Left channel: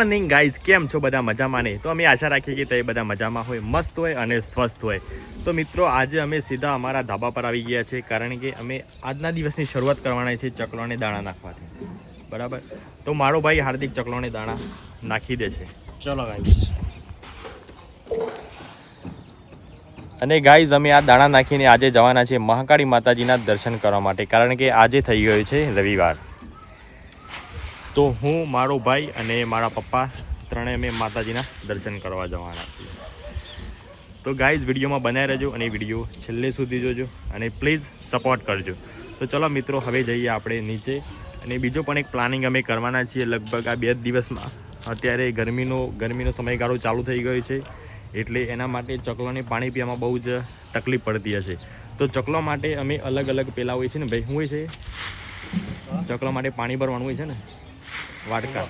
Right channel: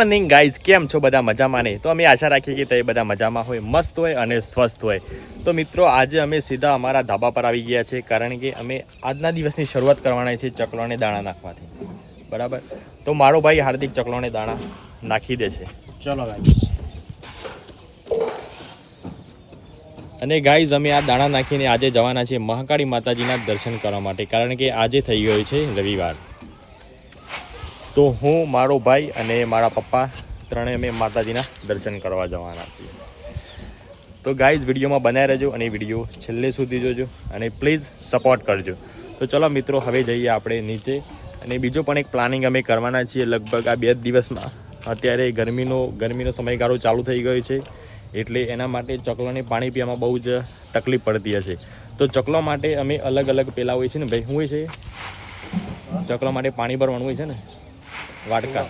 Morning guys કેમ છો બધા મજામાં નહીં તો અમે આશા રાખીએ કે તે બધા મજામાં હોય મસ્ત હોય અને સ્વસ્થ હોય. તો મિત્રો આજે અમે સીધા અમારા ધાબા પર આવી ગયા છે કારણ કે અમે આજના દિવસની શરૂઆત કરવાના છે ચકલોને દાણા નાખવાથી. બરાબર? તો મારો ભાઈ હાર્દિક ચકલોને દાણા નાખી દે છે. ચલો ગાઈઝ અને ગાઈઝ અમે આ દાણા નાખીને આજે જવાના છે મહાકાળી માતાજીના દર્શન કરવા માટે કારણ કે આજે થઈ ગયો છે રવિવાર. તો હું, મારો ભાઈ અને મારા પપ્પા ત્રણે અમે માતાજીના દર્શન કરવા જવાના છીએ. તો ગાઈઝ વિડીયોમાં બનાવી રહેજો અને વીડિયો છેલ્લે સુધી જોજો અને પ્લીઝ સપોર્ટ કરજો. તો ચલો મિત્રો, હવે જઈએ આપણે નીચે. અને બીજો પણ એક પ્લાનિંગ અમે કરવાના છીએ. લગભગ આ બે દિવસમાં અત્યારે ગરમીનો ગરમીનો સમયગાળો ચાલુ થઈ ગયો છે. એટલે એના માટે ચકલોને પાણી પીવામાં બહુ જ તકલીફ પડતી હશે. તો ચકલો માટે અમે અલગ અલગ પેલા હોય છે ને ભાઈ? શું હોય છે? ચકલો માટે પાણી ભરવાનું હોય છે ને? વાટકા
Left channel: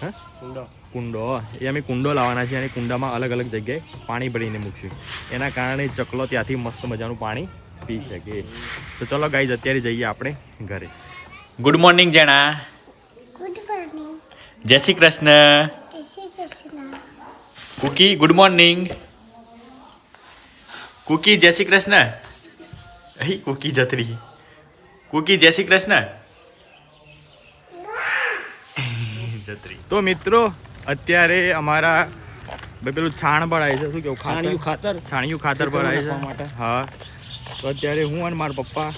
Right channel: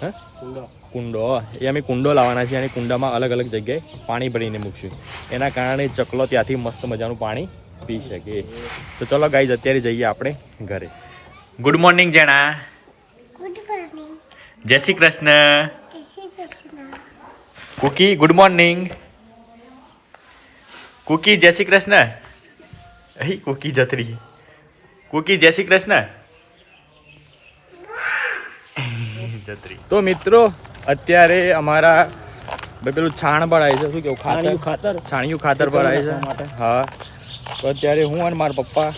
હા? કુંડો. કુંડો. એ અમે કુંડો લાવવાના છીએ અને કુંડામાં અલગ અલગ જગ્યાએ પાણી ભરીને મૂકશું. એના કારણે ચકલો ત્યાંથી મસ્ત મજાનું પાણી પી શકે. તો ચલો ગાઈઝ અત્યારે જઈએ આપણે ઘરે. ગુડ મોર્નિંગ જેણા ગુડ મોર્નિંગ જય શ્રી કૃષ્ણ. જય Shri Krishna. Cookie good morning Cookie જય શ્રી કૃષ્ણ. અહીં કુકી જતરી કુકી જય શ્રી કૃષ્ણ. જતરી. તો મિત્રો અત્યારે અમારા ભાઈ પેલું છાણ ભરાય છે. શું કેવું છાણિયું ખાતર? ખાતર છાણિયું ખાતર ભરાય. છે. હા. તો અત્યારે હું અને મારા પપ્પા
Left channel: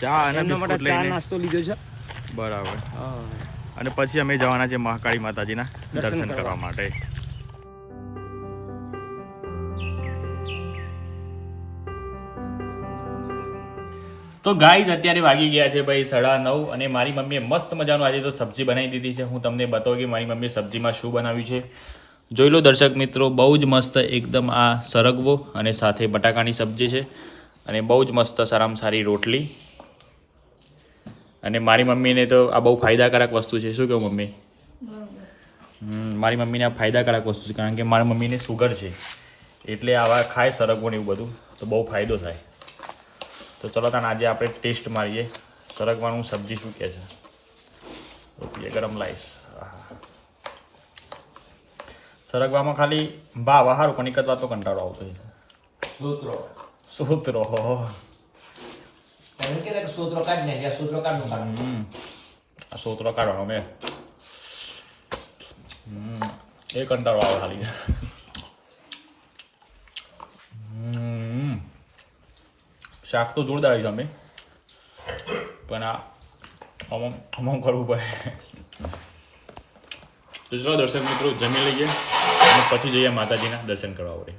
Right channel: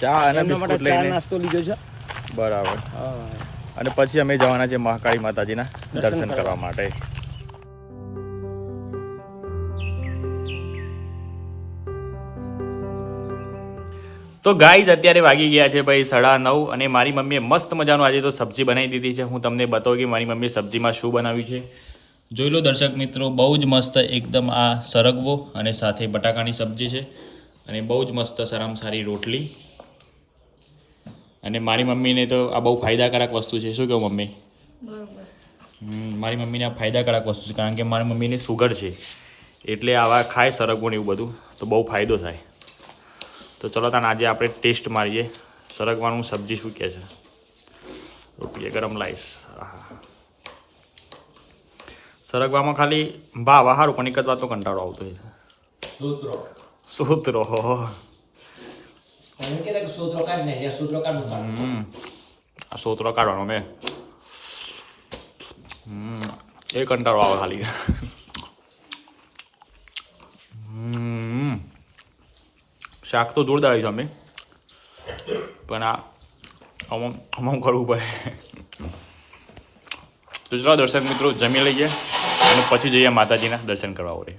ચા અને બિસ્કુટ લઈને નાસ્તો લીધો છે. બરાબર. હા. અને પછી અમે જવાના છે મહાકાળી માતાજીના દર્શન કરવા. માટે. તો ગાઈઝ અત્યારે વાગી ગયા છે ભાઈ સાડા નવ અને મારી મમ્મીએ મસ્ત મજાનું આજે તો સબ્જી બનાવી દીધી છે. હું તમને બતાવું કે મારી મમ્મીએ સબ્જીમાં શું બનાવ્યું છે. જોઈ લો દર્શક મિત્રો, બહુ જ મસ્ત એકદમ આ સરગવો અને સાથે બટાકાની સબ્જી છે અને બહુ જ મસ્ત સારામાં સારી રોટલી. અને મારી મમ્મીને તો આ બહુ ફાયદાકારક વસ્તુ છે. શું કહું મમ્મી? મારી મમ્મીને આ ફાયદાકારક વસ્તુ છે. કારણ કે મારી મમ્મીને સુગર છે. એટલે આવા ખાય સરગવો ને એવું બધું, તો બહુ ફાયદો થાય. તો ચલો તાને આજે આપણે ટેસ્ટ મારીએ. સરગવાનું સબ્જી શું કહે છે? રોટીએ ગરમ આહા. સરગવામાં ખાલી ભાવ હારું પણ એક જ વાતનો કંટાળો આવતો હોય છે. સૂત્રો. આ સોતરો કાઢવાનો મેં એ કંટાળો આવે ખાલી હમ. શાક તો જોરદાર છે અમે. પણ આ અમુક અમુક કરવું પડે. તો ચલો દર્શક મિત્રો જમી લઈએ અને પછી જઈએ માતાજીના દર્શન કરવા ઓરે.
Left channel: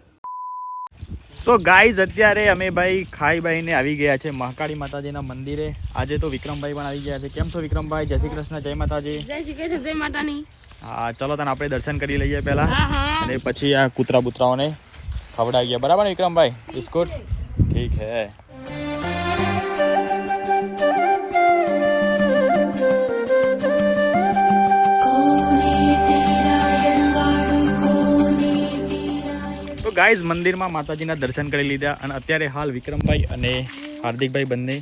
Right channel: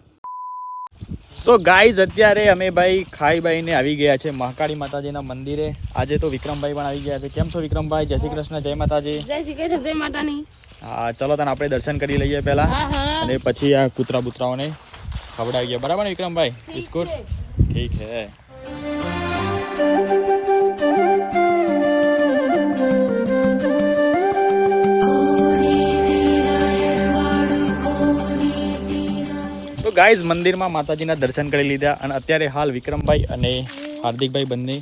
સો ગાઈઝ અત્યારે અમે ભાઈ ખાઈ બાઈને આવી ગયા છે મહાકાળી માતાજીના મંદિરે. આજે તો વિક્રમભાઈ પણ આવી ગયા છે. કેમ છો વિક્રમભાઈ? જય શ્રી કૃષ્ણ જય માતાજી. જય શ્રી કૃષ્ણ જય માતાની હા ચલો તને આપણે દર્શન કરી લઈએ પહેલા. અને પછી આ કૂતરા બુતરાઓને ખવડાવી ગયા બરાબર વિક્રમભાઈ? બિસ્કુટ? ઠીક है તો ગાઈઝ મંદિરમાં માતાજીના દર્શન કરી લીધા અને અત્યારે હાલ વિક્રમભાઈ અને હાર્દિકભાઈ બંને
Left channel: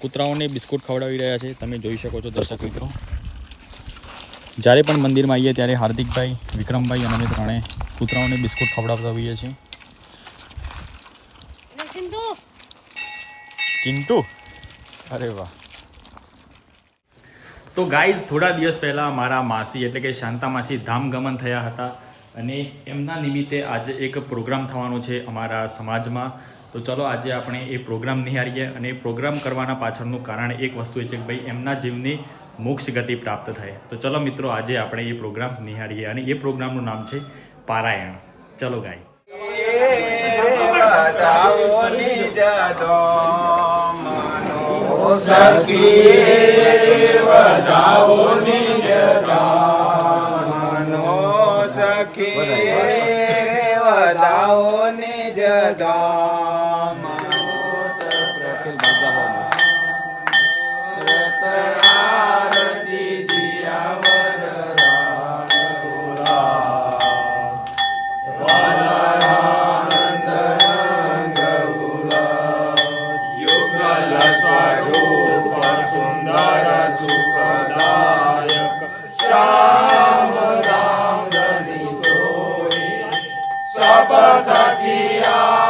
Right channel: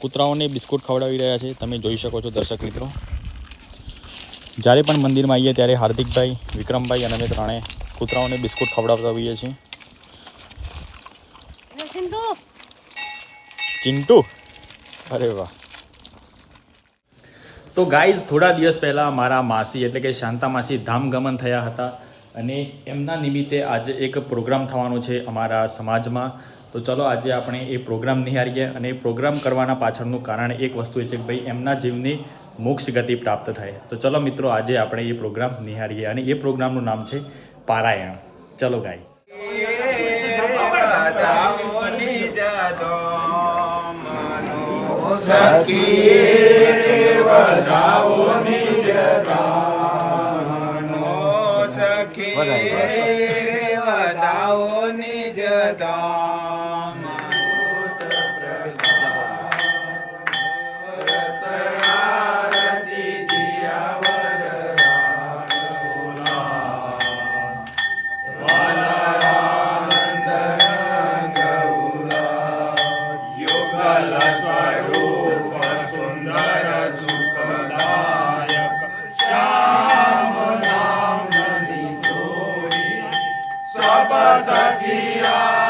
કૂતરાઓને બિસ્કુટ ખવડાવી રહ્યા છે. તમે જોઈ શકો છો દર્શક મિત્રો. જ્યારે પણ મંદિરમાં આવીએ ત્યારે હાર્દિકભાઈ, વિક્રમભાઈ અને અમે ત્રણે કૂતરાઓને બિસ્કુટ ખવડાવતા હોઈએ છીએ. ચિંટુ અરે વાહ તો ગાઈઝ થોડા દિવસ પહેલાં મારા માસી એટલે કે શાંતા માસી ધામગમન થયા હતા અને એમના નિમિત્તે આજે એક પ્રોગ્રામ થવાનો છે અમારા સમાજમાં તો ચલો આજે આપણે એ પ્રોગ્રામ નિહાળીએ અને એ પ્રોગ્રામ કરવાના પાછળનું કારણ એક વસ્તુ એ છે કે ભાઈ એમના જીવની મોક્ષ ગતિ પ્રાપ્ત થાય તો ચલો મિત્રો આજે આપણે એ પ્રોગ્રામ નિહાળીએ અને એ પ્રોગ્રામનું નામ છે પારાયણ ચલો ગાઈઝ सखिए बनाओ ने tapasakia.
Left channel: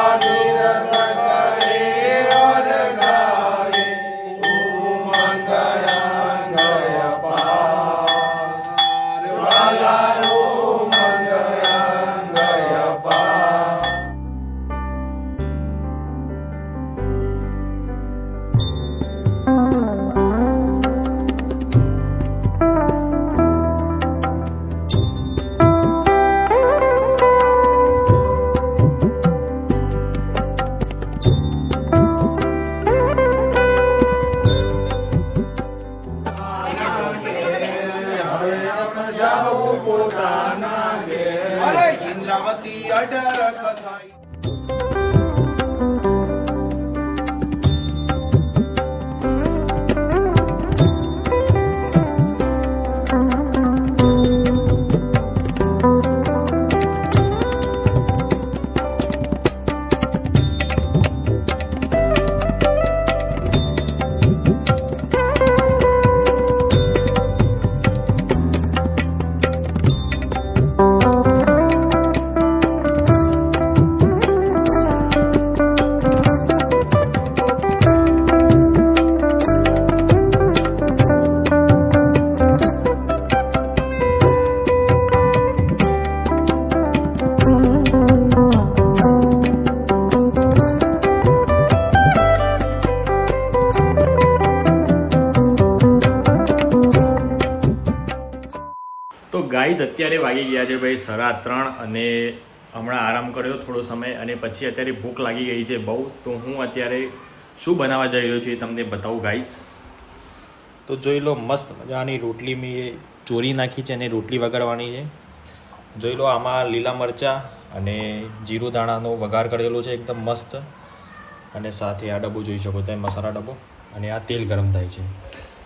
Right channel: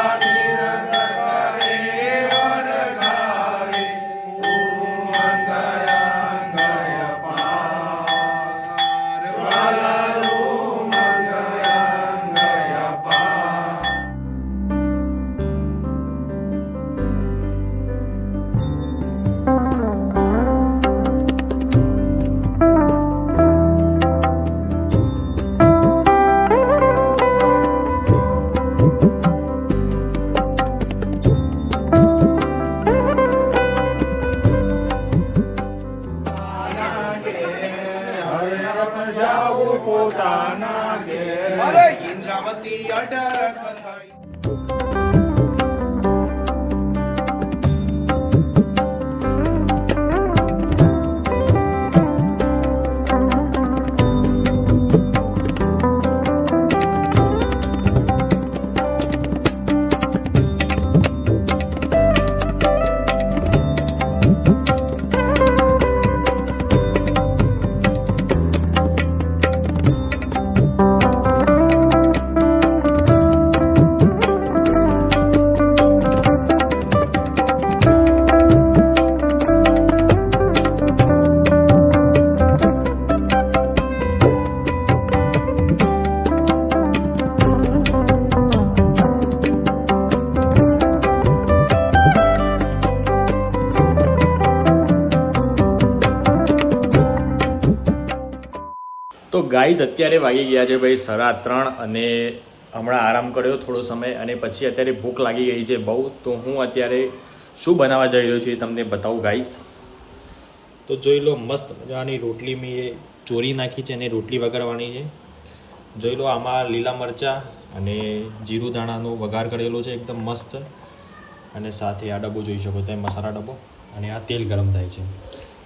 અરે ઇન્દ્રાવતી અઢાર કથાઈ તો ગાઈઝ અત્યારે વાગી ગયા છે ભાઈ સાડા ત્રણ અને હમણાં આરામ કર્યો થોડો સમય અને પછી અત્યારે ભૂખ લાગી ગઈ છે બહુ. તો હું અત્યારે શું બનાવવા જઈ રહ્યો છું એ તમને બતાવું ગાઈઝ. તો જોઈ લો મસ્ત મજાની રોટલી મેં ચોરી નાખી છે અને રોટલી વગાડવાની છે. જોઈ લો આમાં લીલા મરચાં અને જીરું દાણાનો વઘાર કરેલો છે એકદમ મસ્ત. અને સાથે આ ડબ્બો જોઈ શકો તમે, મસાલા ડબ્બો. અને આ તેલ ગરમ થાય છે.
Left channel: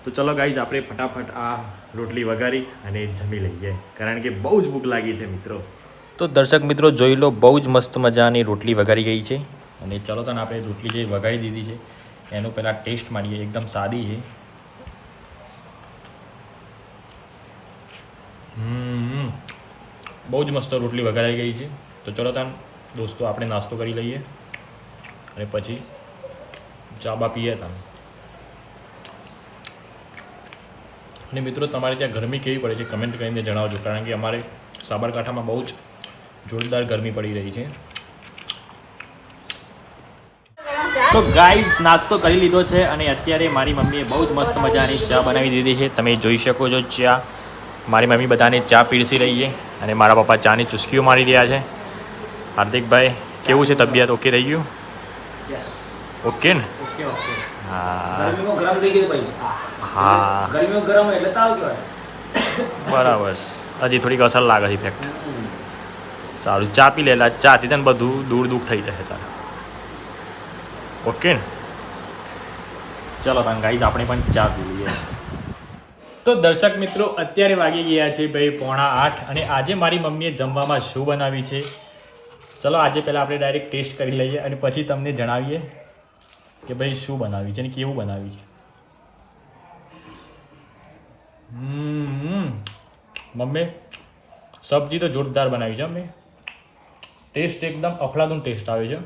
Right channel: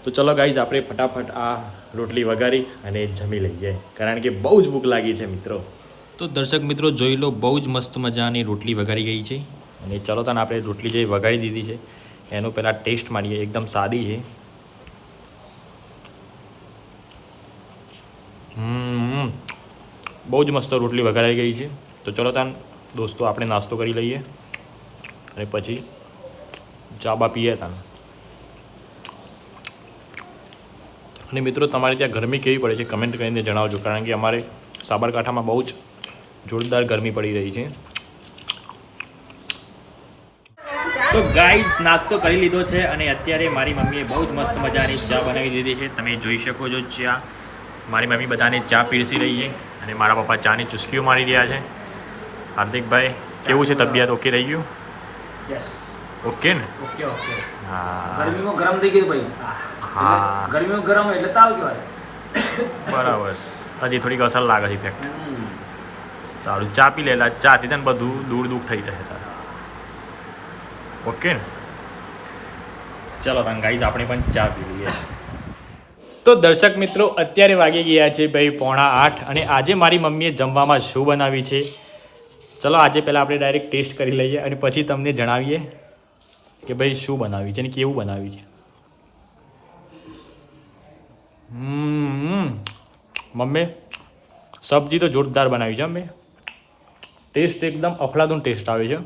તો ચલો ગાઈઝ આપણે ફટાફટ આ રોટલી વઘારી અને જમી લઈએ. કારણ કે બહુ જ ભૂખ લાગી છે મિત્રો. તો દર્શક મિત્રો જોઈ લો બહુ જ મસ્ત મજાની રોટલી વઘારી ગઈ છે. અને ચલો તને આપણે રોટલી જે વઘારી દીધી છે એનો પહેલાં ટેસ્ટ મારીએ. એકદમ સાદી છે. હમ બહુ જ મસ્ત રોટલી વઘારાઈ ગઈ છે. તો ચલો તાન દોસ્તો આપણે નાસ્તો કરી લઈએ. અને પછી ચા બા પીએ તાન. અને મિત્રો, તમારે ત્યાં ગરમી કેવી પડે છે કમેન્ટ કરીને જણાવજો, કારણ કે અમારે સાબરકાંઠામાં બહુ જ જોરદાર ગરમી પડી રહી છે. તો ગાઈઝ નાસ્તો કરી લીધો છે અને અત્યારે મારી મમ્મીએ બહુ જ મસ્ત મજાની ચા બનાવી દીધી છે. તમે જોઈ શકો છો ચા. મારી મમ્મી બધાને ચા પીરસી રહી છે અને મારા પપ્પા ચાની ચુસ્કીઓ મારી રહ્યા છે. હાર્દિકભાઈ, કેવું છે તબિયત? ઓકે રહી ગયું? યસ ઓકે ને? Okay okay. હા. ગરમીમાં ગરમ થઈ ગયું ભાઈ. હા. ગરમીમાં ગરમ એટલે તાવ કહેવાય. બરાબર. હજી થોડીક અસર લાગે છે ઇફેક્ટ સારું ચા પી લેલા ચાથી તને બધું દૂર દુઃખ થઈ જશે તારે. ઓકે ને? ચલો તને ગાઈઝ આપણે પણ ચા પી લઈએ. તો દર્શક મિત્રો અત્યારે વાગી ગયા છે ભાઈ પોણા આઠ અને આજે મારી મમ્મીએ જમવામાં શું બનાવી છે? ચલો આજે પહેલાં આપણે ડાયરેક્ટ ટેસ્ટ કરી લઈએ અને પછી તમને જણાવીએ. કે ભાઈ શું બનાવ્યું છે અને કેવું બનાવ્યું છે? મમ્મી, સબ્જી તો જોરદાર બનાવી છે અમે ટેસ્ટ એકદમ અફલાદૂન ટેસ્ટ આવે છે.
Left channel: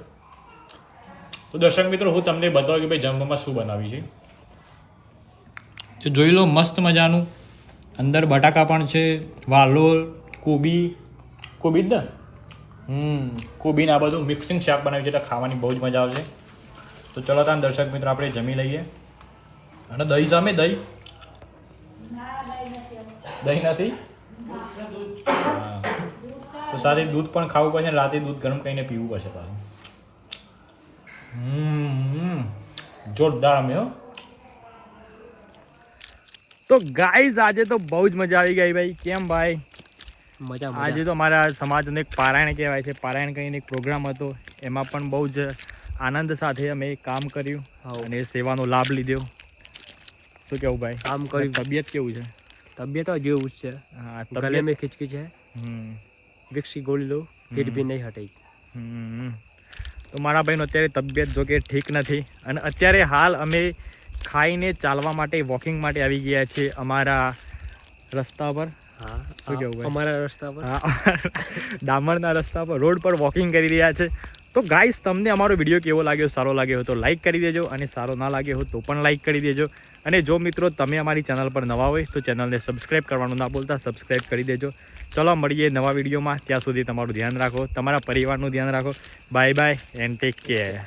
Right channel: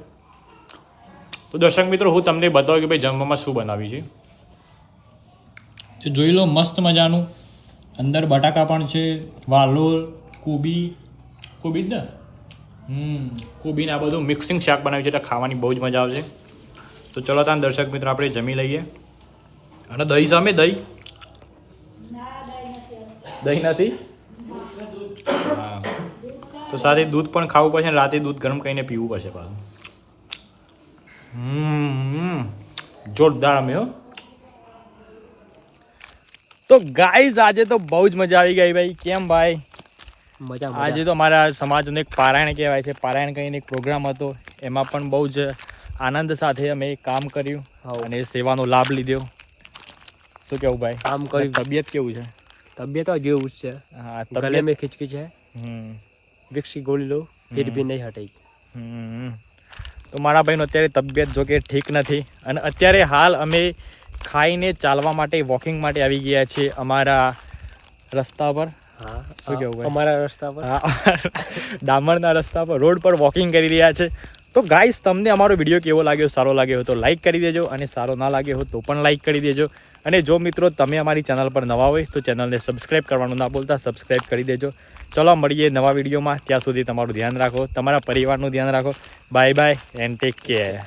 તો દર્શક મિત્રો, હું તમને બતાવું કે ભાઈ જમવામાં શું બનાવ્યું છે. જોઈ લો, મસ્ત મજાનું. અંદર બટાકા પણ છે વાલોર કોબી. કોબી જ ને? હમ, કોબીને આ બધું મિક્સિંગ શાક બનાવ્યું છે એટલે ખાવાની બહુ જ મજા આવશે. તો ચલો ત્યાં દર્શક મિત્રો આપણે જમી લઈએ. અને દહીં સામે દહીં? દહીં નથી? તો સાથે દૂધ પણ ખાવું પડશે રાતે દૂધ ગરમ કરીને પીવું પડશે પાછું. હમ જોરદાર અમે હો. તો ગાઈઝ આજે તો બહુ જ મજા આવી ગઈ ભાઈ. કેમ ભાઈ? મજા આજે તો અમારા સમાજનો એક પારાયણ કહેવાય છે. પારાયણ કરીને એક પ્રોગ્રામ હતો. એમાં પણ બહુ જ આનંદ સાથે અમે કામ કર્યું અને સેવાનો લાભ લીધો. શું કેવું ભાઈ? કામ કર્યું. તબિયત કેવું છે? તબિયત જેવું જ છે. હા તબિયત મેં ખીચકી છે. હમ. ગોળી લો ફિર બી નહીં હટાઈ. તો મારા ભાઈનો અત્યારે તબિયત જોકે ઠીક નથી. અને અત્યારે હાલ અમે ખાઈને ચાલવા માટે વોકિંગ માટે આવી ગયા છીએ અમારા રસ્તા પર. અમારા રસ્તા પર. ડામરના રસ્તા પર રોડ પર વોકિંગ કરી રહ્યા છે. તો ગાઈસ તમને અમારો વીડિયો કેવો લાગ્યો? સારો લાગ્યો હોય તો લાઈક કરી દેજો અને સારો ના લાગ્યો હોય તો પણ લાઈક કરી દેજો. અને જો મિત્રો તમે અમારી ચેનલ પર નવા હોય તો ચેનલને સબસ્ક્રાઈબ કરવાનું ના ભૂલતા સબસ્ક્રાઈબ કરી દેજો. ચલો, મળીએ નવા વિડીયોમાં ત્યાં સુધી તમારું ધ્યાન રાખો, તમારા પરિવારનું ધ્યાન રાખો. Bye bye and take care